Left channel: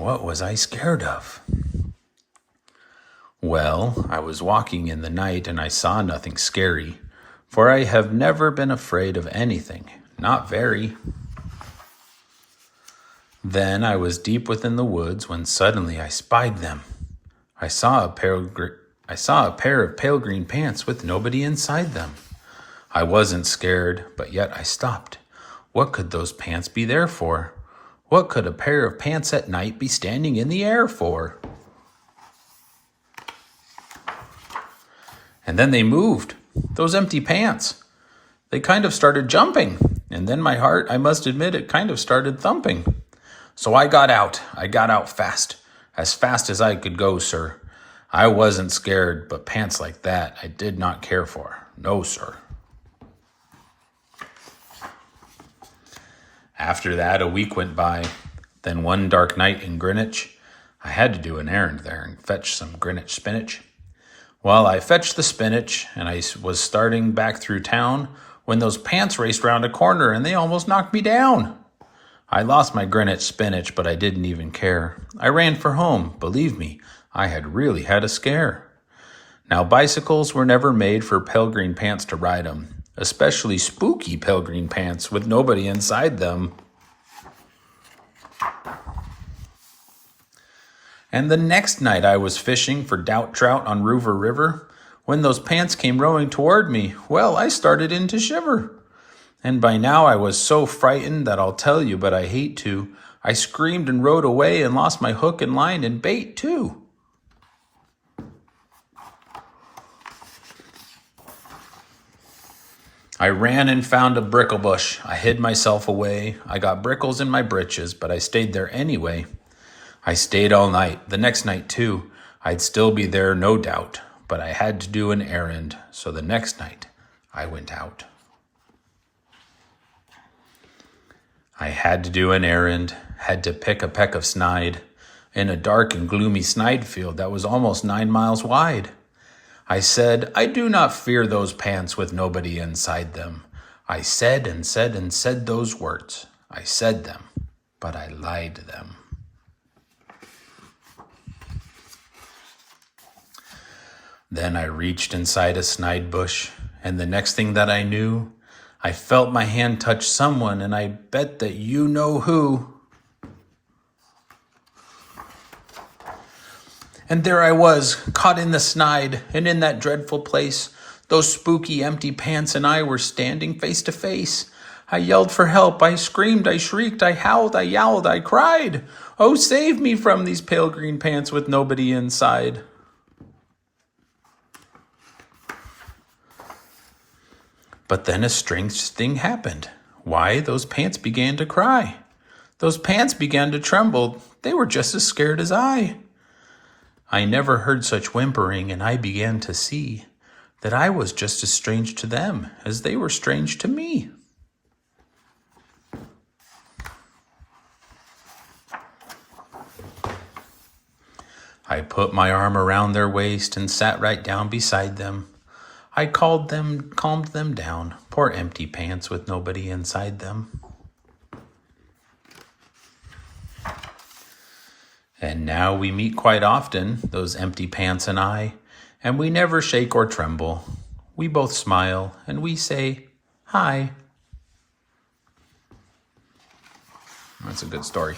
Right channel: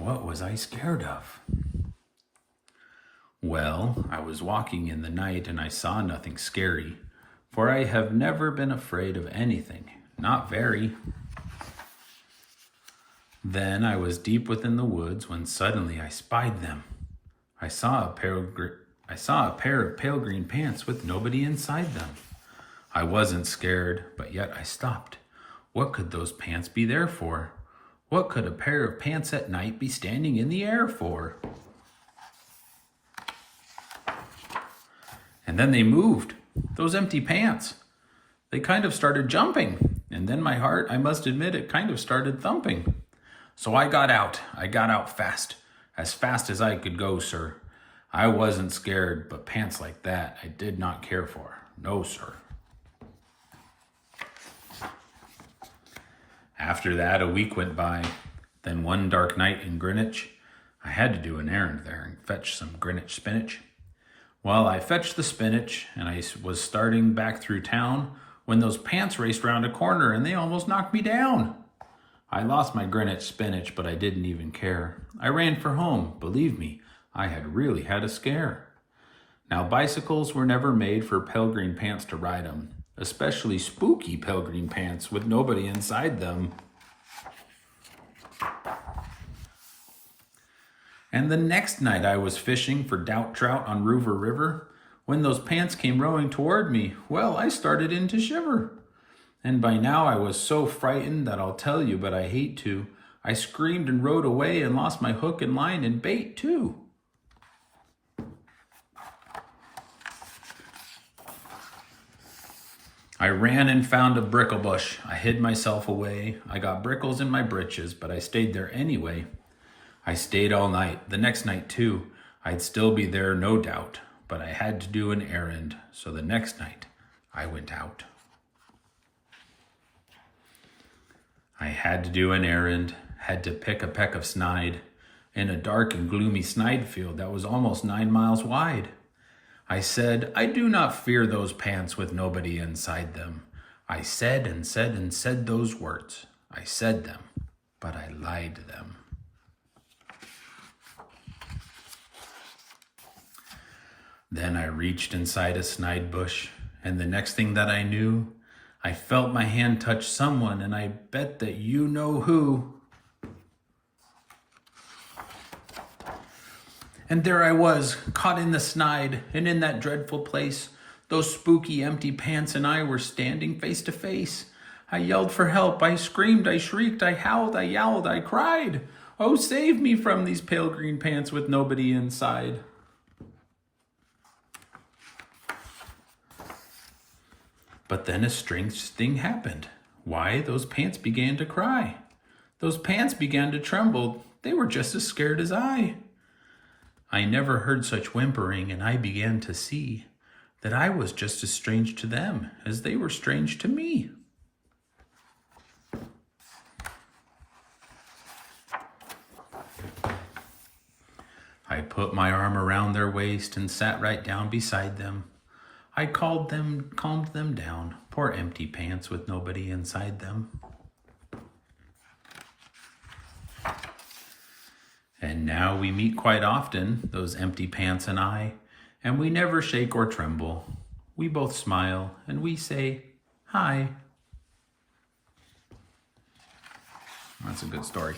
What was I scared of? Well, I was walking in the night and I saw nothing scary, for I have never been afraid of anything, not very. Then I was deep within the woods when suddenly I spied them. I saw a pair of pale green pants with nobody inside them. I wasn't scared, but yet I stopped. What could those pants be there for? What could a pair of pants at night be standing in the air for? And then they moved, those empty pants. They kind of started jumping, and then my heart, I must admit, it kind of started thumping. So I got out. I got out fast as I could go, sir. I wasn't scared, but pants like that I did not care for. No, sir. After that, a week went by. Then one dark night in Greenwich, I had to do an errand there and fetch some Greenwich spinach. Well, I fetched the spinach, and I was starting back through town when those pants raced round a corner, and they almost knocked me down. I lost my Greenwich spinach, but I didn't even care. I ran for home. Believe me, I had really had a scare. Now, bicycles were never made for pale green pants to ride 'em, especially spooky pale green pants with nobody inside them. And the next night I was fishing for doubt trout on Rover River. When those pants came rowing toward me, well, I started in to shiver. And by now I was so frightened that I'll tell you, but I hate to. I screamed and rode away and lost my hook and line and bait too. I ran and found a brickle bush. I hid myself away. I got brickles in my britches, but I stayed there anyway. I stayed all night, the next night too. I'd still be there, no doubt, but I had to do an errand, so the next night I went out. I had to do an errand, had to pick a peck of snide in a dark and gloomy snide field that was almost 9 miles wide. I said, I do not fear those pants with nobody inside them. I said and said and said those words. I said them, but I lied them. Then I reached inside a snide bush, and the next thing that I knew, I felt my hand touch someone, and I bet that you know who. And there I was, caught in the snide, and in that dreadful place, those spooky empty pants and I were standing face to face. I yelled for help, I screamed, I shrieked, I howled, I yowled, I cried. Oh, save me from these pale green pants with nobody inside. But then a strange thing happened. Why, those pants began to cry. Those pants began to tremble. They were just as scared as I. I never heard such whimpering, and I began to see that I was just as strange to them as they were strange to me. I put my arm around their waist and sat right down beside them. I calmed them down, poor empty pants with nobody inside them. And now we meet quite often, those empty pants and I, and we never shake or tremble. We both smile and we say, hi. That's a good story.